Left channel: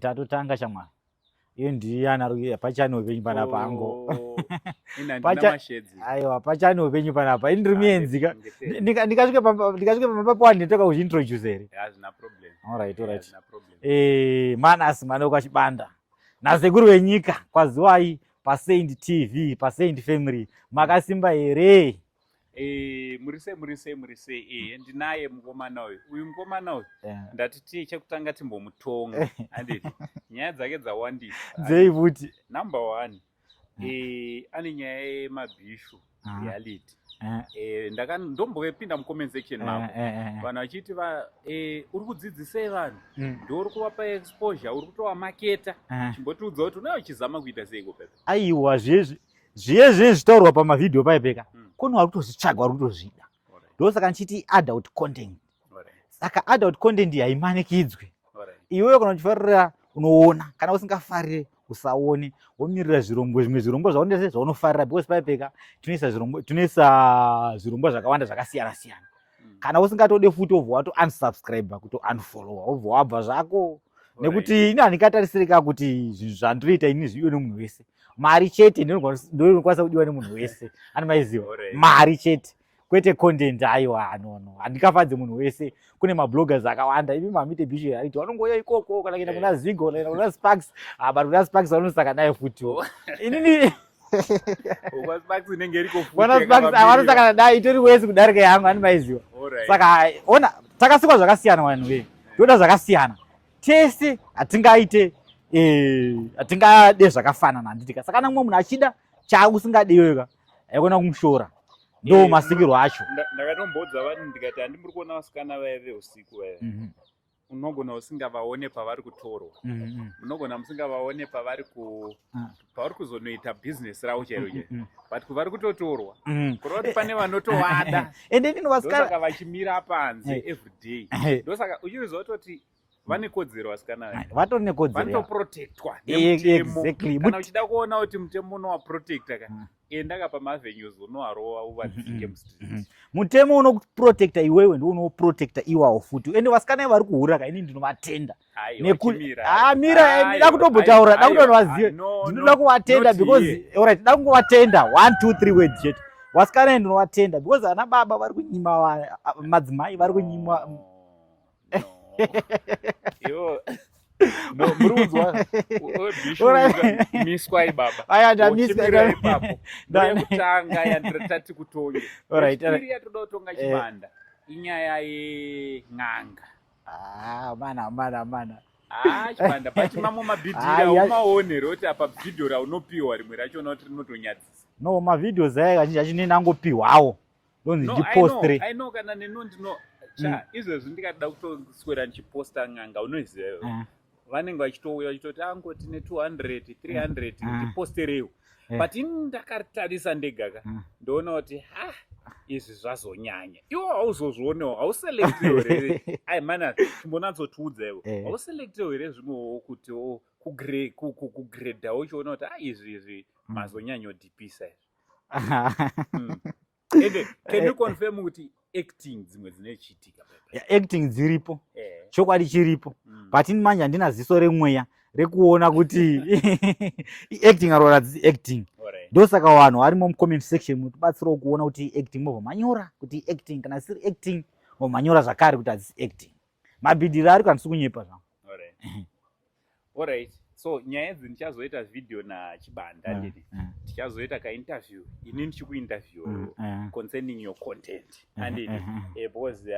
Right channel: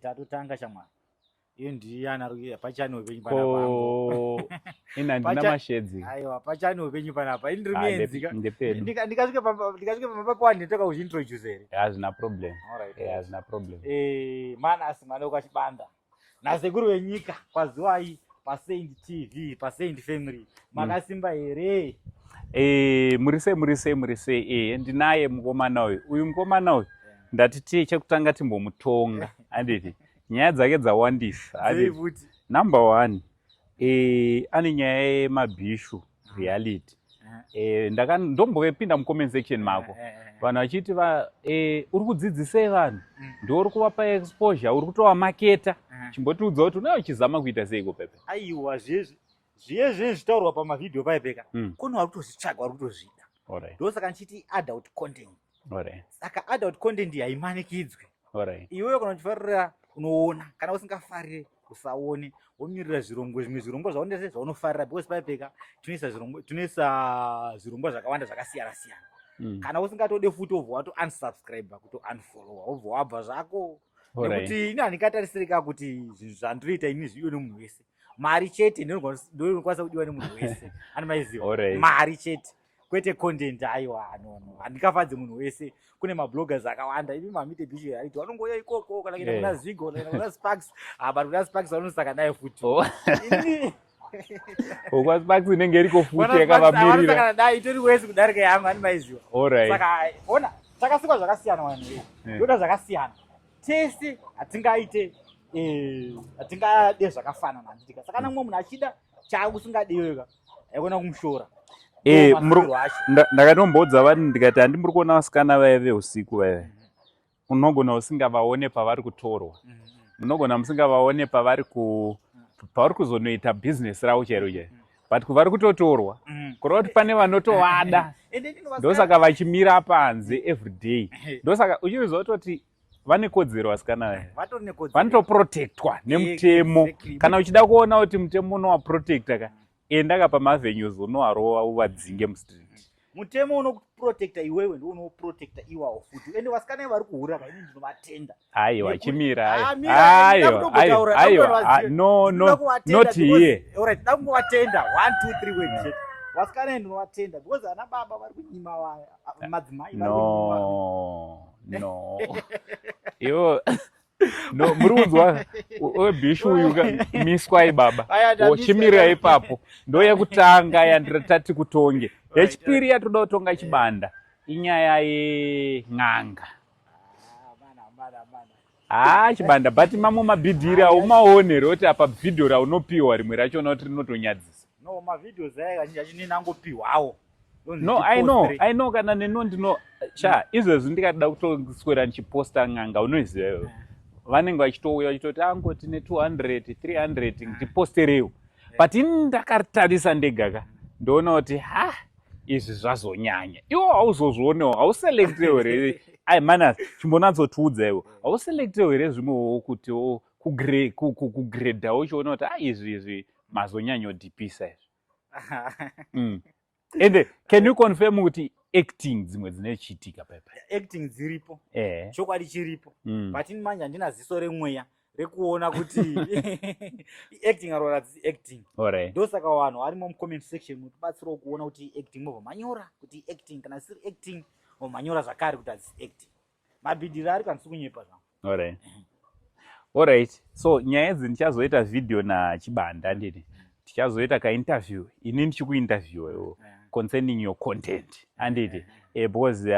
tatotanga shamwari iyo ndiyana ruya pachano penyu panapa ango ina ndina mashedzi aiwa pachano penyu panapa indiri mienzika ndikasvike pambapo anditoka kuzviintroduce here hazvina problem. Alright. Hazvina problem. Manasi mwana kwachibanda nasekuru wenyika kwaziwai paSaint TV paSaint Family makasimba here. murise ndinaye mukomana uyu mukomana uyu ndatiti chekutanga timbomutonga anditi nyaya dzake dzawandisa dzeivuti number 1 ane nyaya yemabhishu reality ndombopinda mucomment section mako vanhu vachiti uri kudzidzisei vanhu ndouri kuvapa exposure uri kutovamaketa chimbotiudza kuti unenge uchizama kuita seiko pepe aiwa zviye zvitaurwa pamavhidhiyo paipeka kune vari kutozvitsvaga vari kutozvida ndosaka nchiti adult content saka adult content haimanikidzwe iwewe kana uchifarira unoona kana usingafarire usaone womirira zvirongwa zvimwe zvirongwa zvaonese zvaunofarira because paipeka tunoisa zvirongwa zvakawanda zvakasiyana siyana kana usingatode futi wobva wato unsubscribe kuti unfollowa wobva wabva zvako nekuti ini handikatarisirika kuti zvinhu zvandinoita ini zvidiwe nemunhu wese mari chete ndinokwanisa kudiwa nemunhu wese animaiziva mari chete kwete content aiwa anono handikafadze munhu wese kune mabloggers akawanda imi mamite bishe aiti vanongoya ikoko kana kuenda kuna Zigo kana kuna Sparks but kuna Sparks vanosaka naye futi inini kwa Sparks inenge iriko futi vanosaka naye itori wese kudarika yangu animaiziva saka ona takasikwa zvakasiyana vanhu ve toda zvakasiyana tese hatingade zvakafanana handitika saka namwe munhu achida chausingadeweka aikona kumushora masiriro acho ndakatombodza vanhu ndikati handimuri kuona vasikana vaive usiku vaive unogona usingavaone pavari kutorwa unogona musingavaone pavari kuzonoita bhizinesi ravo chairo chairo but kuvari kutotorwa kureva kuti pane vanotowada ndosaka vachimira panze everyday ndosaka uchiziva kutoti vane kodzero vasikana vanotoprotectwa nemutemo kana uchida kuona kuti mutemo unowaprotecta ka endaka pamavenues unowarova uvadzinge mustreet mutemo unoprotecta iwewe ndiwo unoprotecta iwawo futi ende vasikana vari kuhura ka ini ndinovatenda vachimira kutobotaura ndinoda kuvatenda because alright da kungovatenda 1 2 3 words chete vasikana ndinovatenda because ana baba vari kunyima madzimai vari kunyima ivo murudzwa webhishu miswa ibaba uchimira ipapo ndoyekutanga yandiratati kutonge yechipiri yatoda kutonga chibanda inyaya yen'anga chibanda but mamo mabhidhira umaone roti apa bhidhio raunopiwa rimwe rachona kuti rinotonyadzisa no mavhidhios aya kazhinji achinenangopihwawo I know kana neno ndino izvezvi ndikada kutoswera ndichiposta n'anga unoiziva vanenge vachitouya vachitoti ango tine 200 300 ndiposterewo but ini ndakatarisa ndegaka ndoona kuti izvi zvazonyanya iwo hauzozvionewo hauselektewo here ai mana chimbonatsotiudza iwo hauselektewo here zvimwewo kuti kugredhawo uchiona kuti izvi mazonyanyodhipisa izvi ende can you confirm kuti acting dzimwe dzinochitika pepe acting dziripo chokwadi chiripo but ini manje handina ziso remweya rekuona kuti acting arora dzisi acting ndosaka vanhu varimo mucomment section munotibatsirawo kuona kuti acting mobva manyora kuti acting kana siri acting mobva manyora zvakare kuti hadzisi acting mabhidhiro ari kandisi kunyepa zvangu alright so nyaya idzi ndichazoita video nachibanda nditi tichazoita kainterview ini ndichikuinterview concerning your content anditi because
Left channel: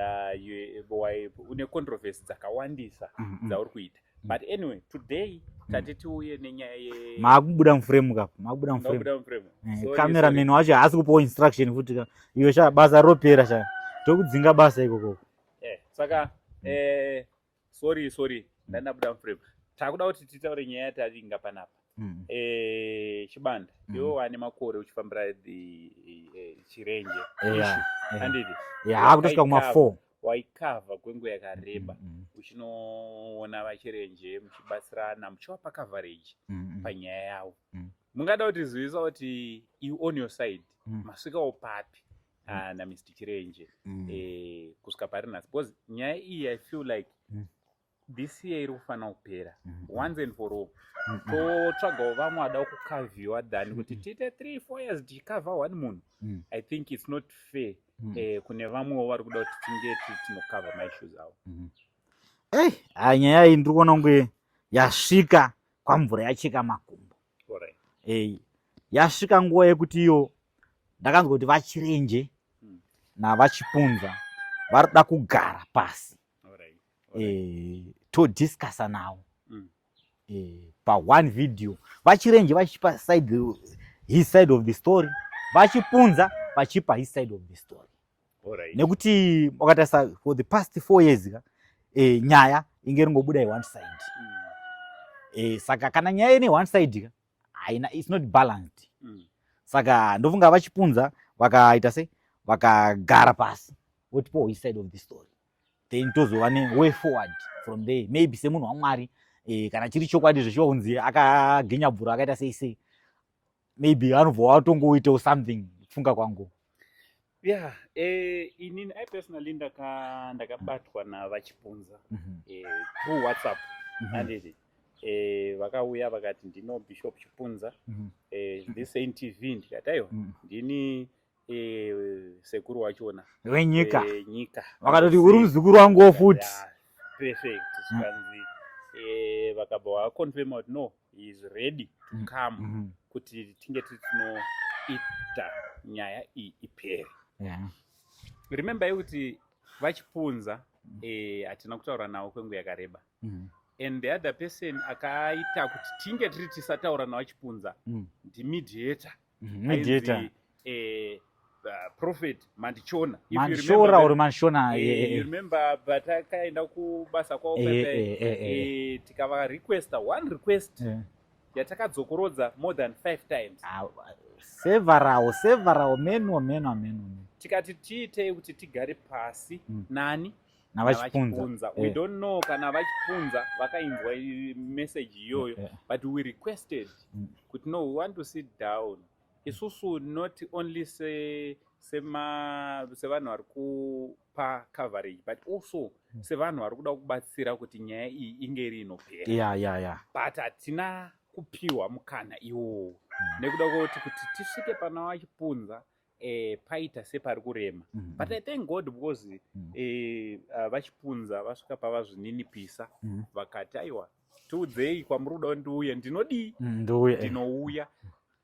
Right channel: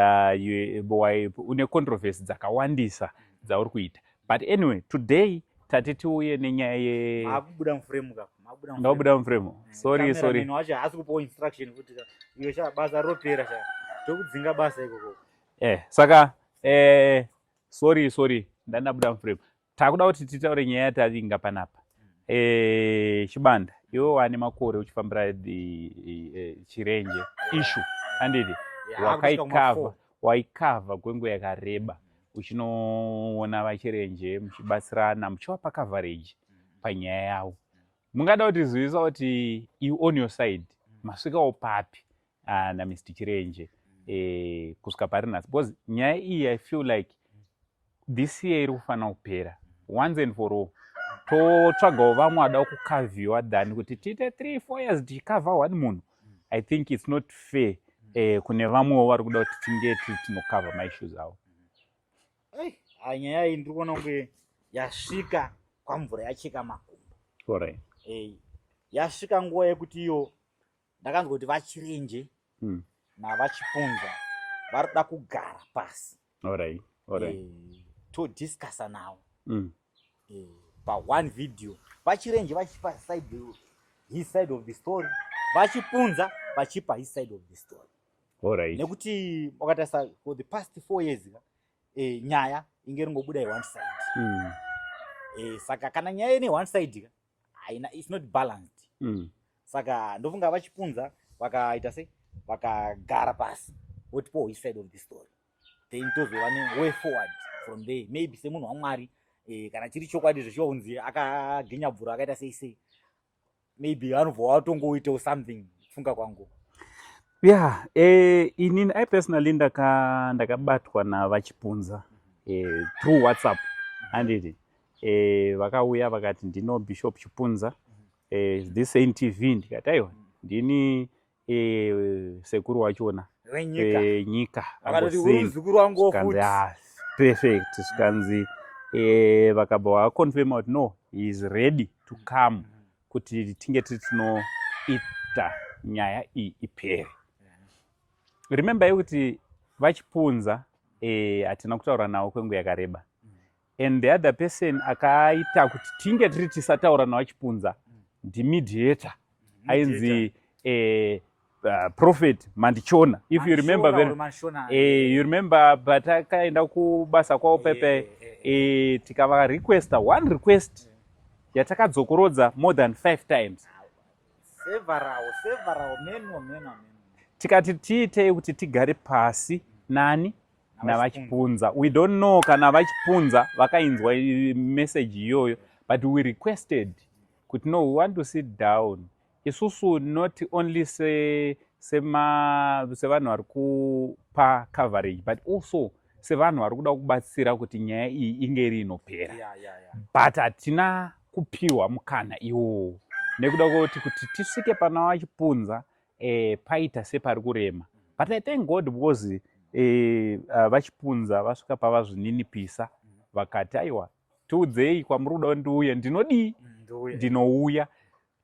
une controversy dzakawandisa dzauri kuita but anyway today tati tiuye nenyaya maakubuda muframe kapo maakubuda muframe cameraman wacho haasi kupawo instruction futi iwe basa ropera sha tokudzinga basa ikoko saka sorry ndandabuda muframe takuda kuti titaure nyaya yatavinga panapa chibanda iwe wane makore uchifambira chirenje ishu anditi waikavha kwenguva yakareba uchinoona vachirenje muchibatsirana muchivapa coverage panyaya yavo mungada kutizivisa kuti you on your side masvikawo papi naMr Chirenje kusvika pari nhasi because nyaya iyi I feel like this year iri kufanira kupera once and for all. Totsvagawo vamwe vada kukavhiwa than kuti tiite 3-4 years tichikavha one munhu. I think it's not fair kune vamwewo vari kuda kuti tinge tinokavha maissues avo. Nyaya iyi ndiri kuona kunge yasvika kwamvura yacheka makumbo. Yasvika nguva yekuti iyo ndakanzwa kuti vachirenje navachipunza vari kuda kugara pasi todiscassa navo pa1 video. Vachirenje vachipa his side of the story, vachipunza vachipa his side of the story. Nekuti wakatarisa for the past 4 years nyaya inge ringobuda one side. Saka kana nyaya ine one side it's not balanced. Saka ndofunga vachipunza vakaita sei vakagara pasi votipo his side of the story, then tozova ne way forward from there. Maybe semunhu waMwari kana chiri chokwadi zvichonzi akagenya bvura akaita sei maybe anobva watongoitawo something kufunga kwangu. Inini I personally ndakabatwa navachipunza through WhatsApp. Handiti vakauya vakati ndino Bishop Chipunza this NTV, ndikati aiwa ndini sekuru wachona wenyika vakatoti uri muzukuru wangu futi. Perfect. Zvikanzi vakabva vakonfirma kuti no, he is ready to come kuti tinge tinoita nyaya iyi ipere. Remember kuti vachipunza hatina kutaura navo kwenguva yakareba. And the other person akaita kuti tinge tiri tisataura navachipunza ndimediator ainzi Prophet Mandichona. If you remember, you remember, but akaenda kubasa kwavo pepe tikava requesta one request yatakadzokorodza more than 5 times. Several meno. Tikati tiitei kuti tigare pasi nani navachipunza. We don't know kana vachipunza vakainzwa message iyoyo, but we requested kuti no, we want to sit down. Isusu not only sevanhu vari kupa coverage, but also sevanhu vari kuda kubatsira kuti nyaya iyi inge iri inopera. But hatina kupiwa mukana iwowo nekuda kuti tisvike pana vachipunza paita separi kurema. But I thank God because vachipunza vasvika pavazvininipisa vakati aiwa tiudzei kwamuri kuda ndiuya, ndinodii ndinouya,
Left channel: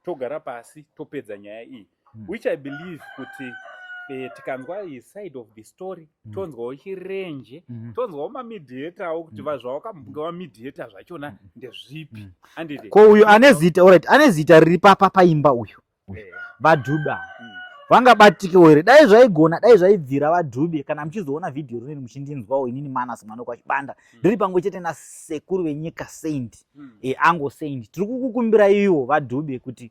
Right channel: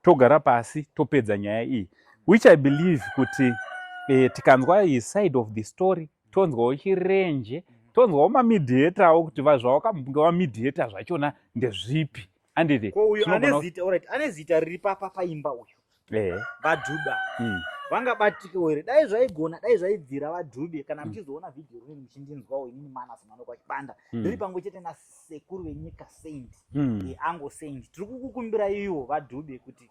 togara pasi topedza nyaya iyi, which I believe kuti tikanzwa his side of the story tonzwawo chirenje, tonzwawo mamediator kuti zvawakambunga vamediator zvachona ndezvipi. Ko uyu ane zita riri paimba uyu vaDhube vangabatikewo here? Dai zvaigona, dai zvaibvira vaDhube kana muchizoona vhidhiyo rineri muchindinzwawo inini Manasi Manoko achibanda ndiri pamwe chete nasekuru venyika Saint Ango Saint. Tiri kukukumbira ivo vaDhube kuti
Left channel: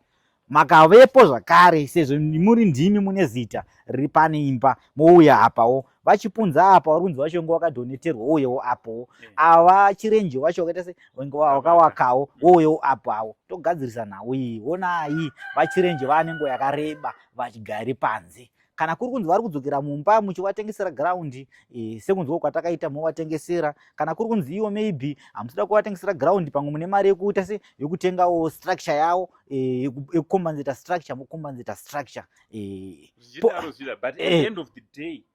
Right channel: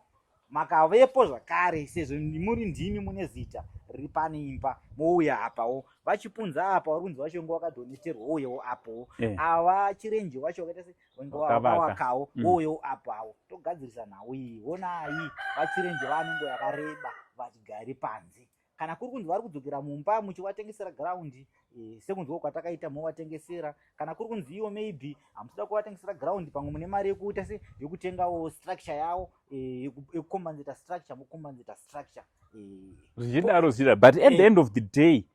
makavepo zvakare, sezvo muri ndimi mune zita riri pane imba, mouya apawo. Vachipunza apa vari kunzi vacho wakadhoneterwa wouyewo apowo. Ava chirenje wacho wakaita se wakawakawo wouyewo apawo. Togadzirisa nhau iyi. Onai vachirenje vane nguva yakareba vachigare panze. Kana kuri kunzi vari kudzokera mumba muchivatengesera ground sekunzwa kwatakaita movatengesera. Kana kuri kunzi iwo maybe hamusida kuvatengesera ground pamwe mune mari yekuita se yokutengawo structure yavo yekukombenzeta structure mokombenzeta structure zvichidaro. But at the end of the day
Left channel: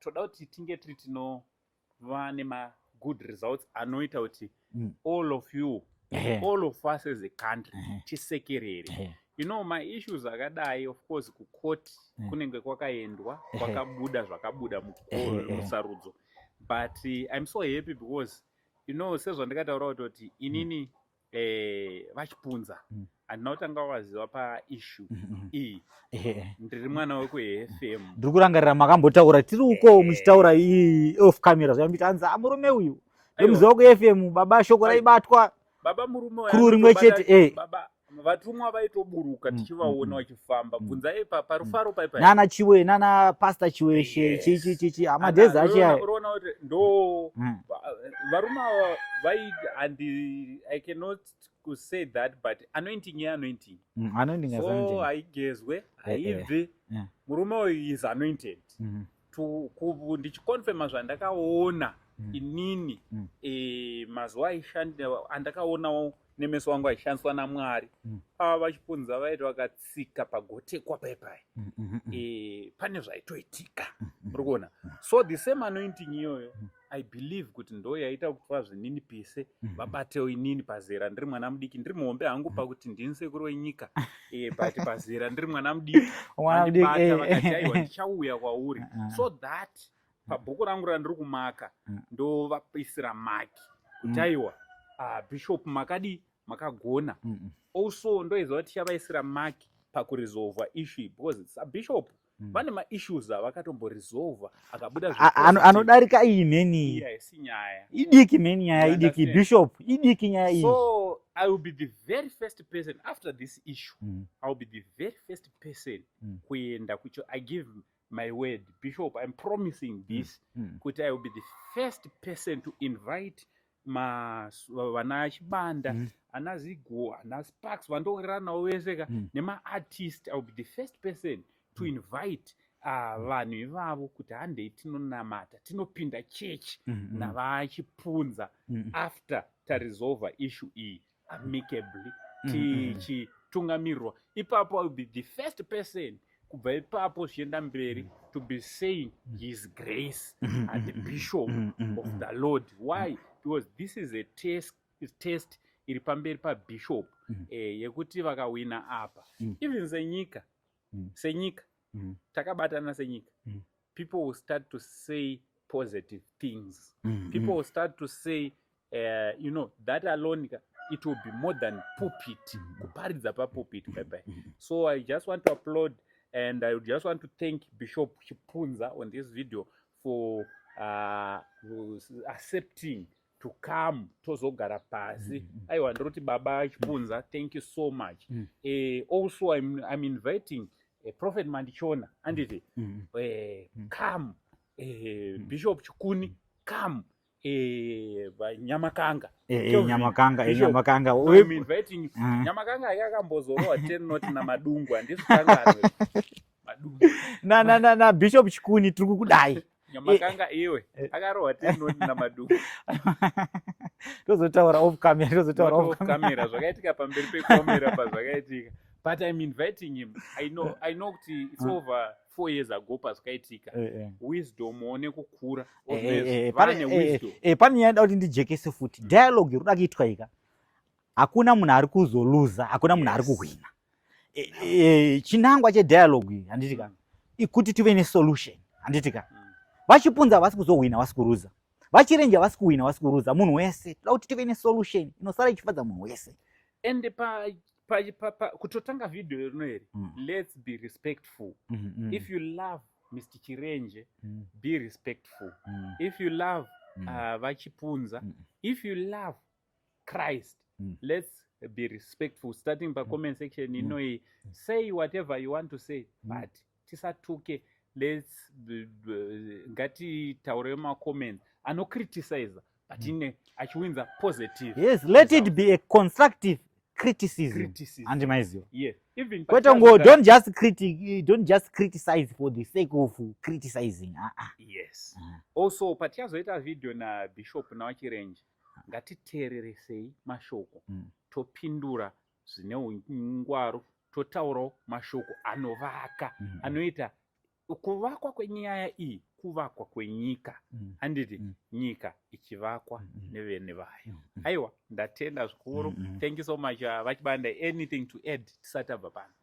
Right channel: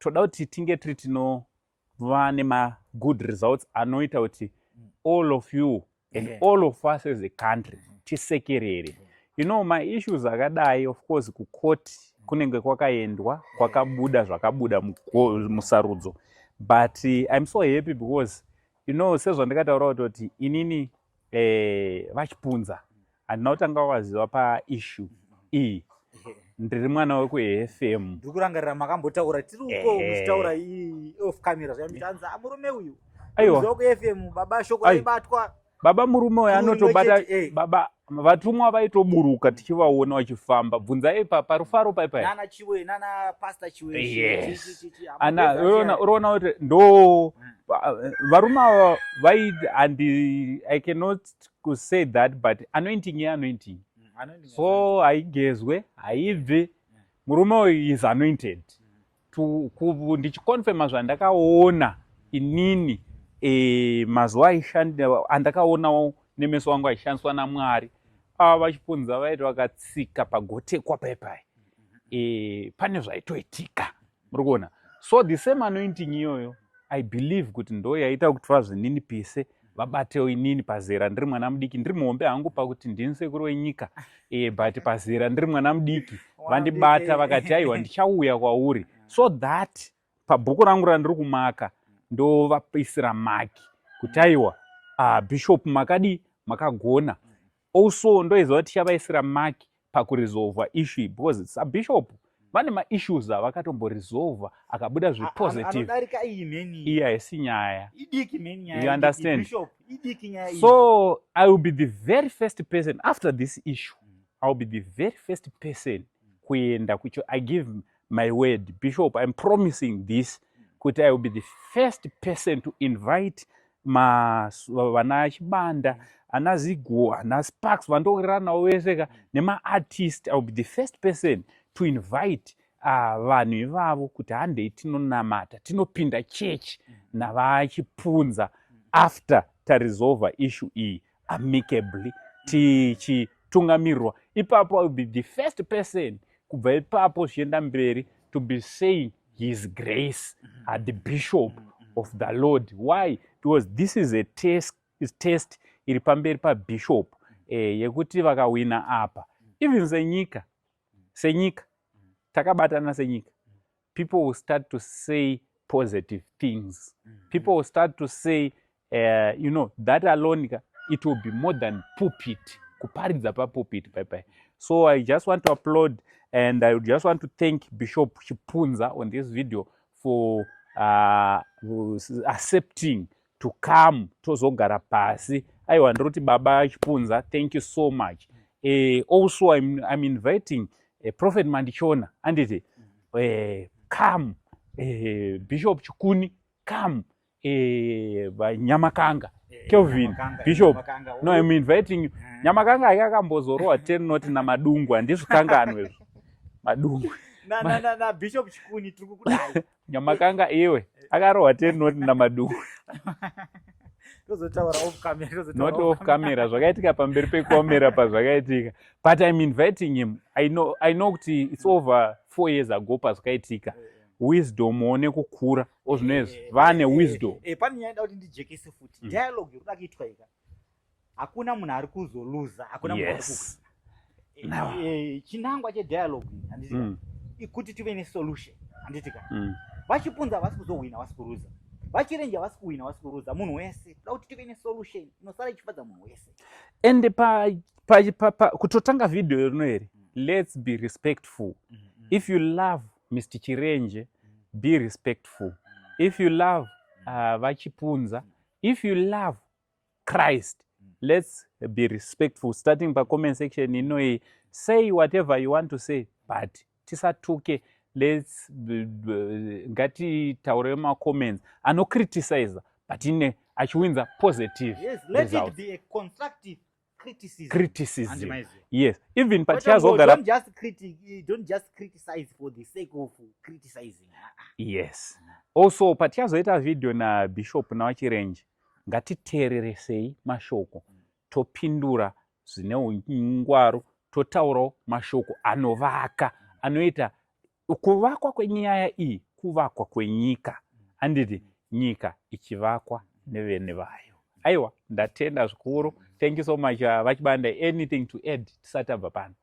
toda kuti tinge tiri tinova nemagood results anoita kuti all of you and all of us as a country tisekerere. You know, my issues akadai, of course, kukoti kunenge kwakaendwa kwakabuda zvakabuda musarudzo. But I'm so happy because, you know, sezvandakataura kuti inini vachipunza handina kutanga waziva paissue iyi. Ndiri mwana wekuFM. Ndiri kurangarira makambotaura tiri uko muchitaura iyi off camera zvambiti anzi murume uyu muziva kuFM baba shoko raibatwa. Baba murume uyu anotobata baba vatumwa vaitoburuka tichivaona vachifamba. Bvunzai parufaro paipai nana Chiwe nana Pastor Chiweshe chichi amandeza uroona kuti ndo varume ava and I cannot say that, but anointing anointing. So haigezwe haibve. Murume uyu is anointed. Ndichikonfirma zvandakaona inini mazuva andakaonawo nemeso angu achishandiswa naMwari vachipunza vaiti vakatsika pagotekwa paipai pane zvaitoitika muri kuona. So the same anointing iyoyo I believe kuti ndo yaita kuti vazvinini pise vabatewo inini pazera ndiri mwana mudiki, ndiri muhombe hangu pakuti ndini sekuru wenyika but pazera ndiri mwana mudiki vandibata vakati aiwa ndichauya kwauri, so that pabhuku rangu randiri kumaka ndovapisira maki kuti aiwa bishop makadi makagona. Also ndoiziva kuti tichavaisira maki pakuresolva issue because bishop vane maissues avakatomboresolva akabuda anodarika iyi neni iya isi nyaya idiki neni nyaya idiki bishop idiki nyaya iyi. So I will be the very first person after this issue. I will be the very first person kuenda kucho. I give my word, Bishop, I'm promising this kuti I will be the first person to invite vana chibanda ana Zigo ana Sparks vandorana weseka nema artist. I will be the first person to invite vanhu ivavo kuti handei tinonamata tinopinda church navachipunza after taresolva issue iyi amicably tichitungamirirwa. Ipapo I will be the first person kubva ipapo zvichienda mberi to be saying his grace at the bishop of the Lord. Why? Because this is a test iri pamberi pabishop yekuti vakawina apa even senyika takabatana senyika, people will start to say positive things. People will start to say you know, that alone it will be more than pulpit, kuparidza pulpit. So I just want to applaud and I just want to thank Bishop Chipunza on this video for accepting to come tozogara pasi. Aiwa ndoti baba Chipunza, thank you so much. Also I'm inviting Prophet Mandichona anditi come Bishop Chikuni come Nyamakanga Nyamakanga no, I'm inviting you. Nyamakanga yakambozorowa 10 not na madungu andisukangano madungu na Bishop Chikuni tiri kukudai Nyamakanga iwe akarowa 10 not na madungu tozotaura off camera zvakaitika pamberi pekamera pazvakaitika, but I'm inviting him. I know kuti it's over 4 years ago pazvakaitika wisdom one kukura ozvinezvi vane wisdom. Pane yanda kuti ndijekese futi dialogue iri kuda kuitwa ika hakuna munhu ari kuzoluza, hakuna munhu ari kuhwina. Chinangwa chedialogue handitika ikuti tive nesolution handitika. Vachipunza havasi kuzohwina havasi kuruza, vachirenja havasi kuhwina havasi kuruza, munhu wese toda kuti tive nesolution inosara ichifadza munhu wese. And kutotanga video rino here, let's be respectful. If you love Mr. Chirenje, be respectful. If you love Vachipunza, if you love Christ, let's be respectful. Starting by comment section, you know, say whatever you want to say, but tisatuke, let's ngati taurema comments ano criticize, but in achiwinza positive. Yes, let it be a constructive criticism. Yes, even don't just criticize for the sake of criticizing. Yes. Also patiazoita video na Bishop na Chirenje, ngatiteereresei mashoko topindura zvine ungwaru, totaurawo mashoko anovaka anoita kuvakwa kwenyaya iyi kuvakwa kwenyika handiti nyika ichivakwa nevene vayo. Aiwa ndatenda zvikuru. Thank you so much Vachibanda. Anything to add tisati tabva pano?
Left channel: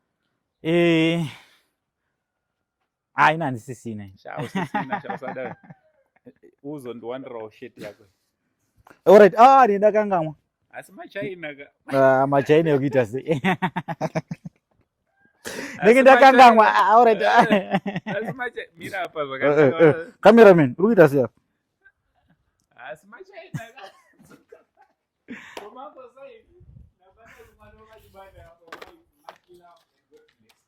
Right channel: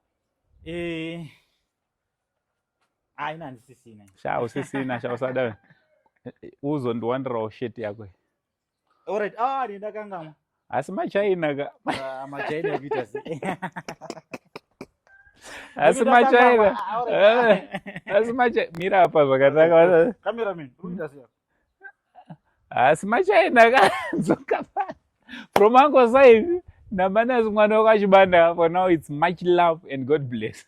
Haina handisisina. Usisina usada uzondiwandirawo sheti yako. Alright, ndakangamwa. Asi machaina ka machaina yokuita sei. Ndakangamwa. Alright. Asi macha mira apa zvakataka. Cameraman, uri kuita sei? Asi machaina ka dzokapa. From Uncle Saivi, Namana is one of Vachibanda. For now, it's much love and God bless.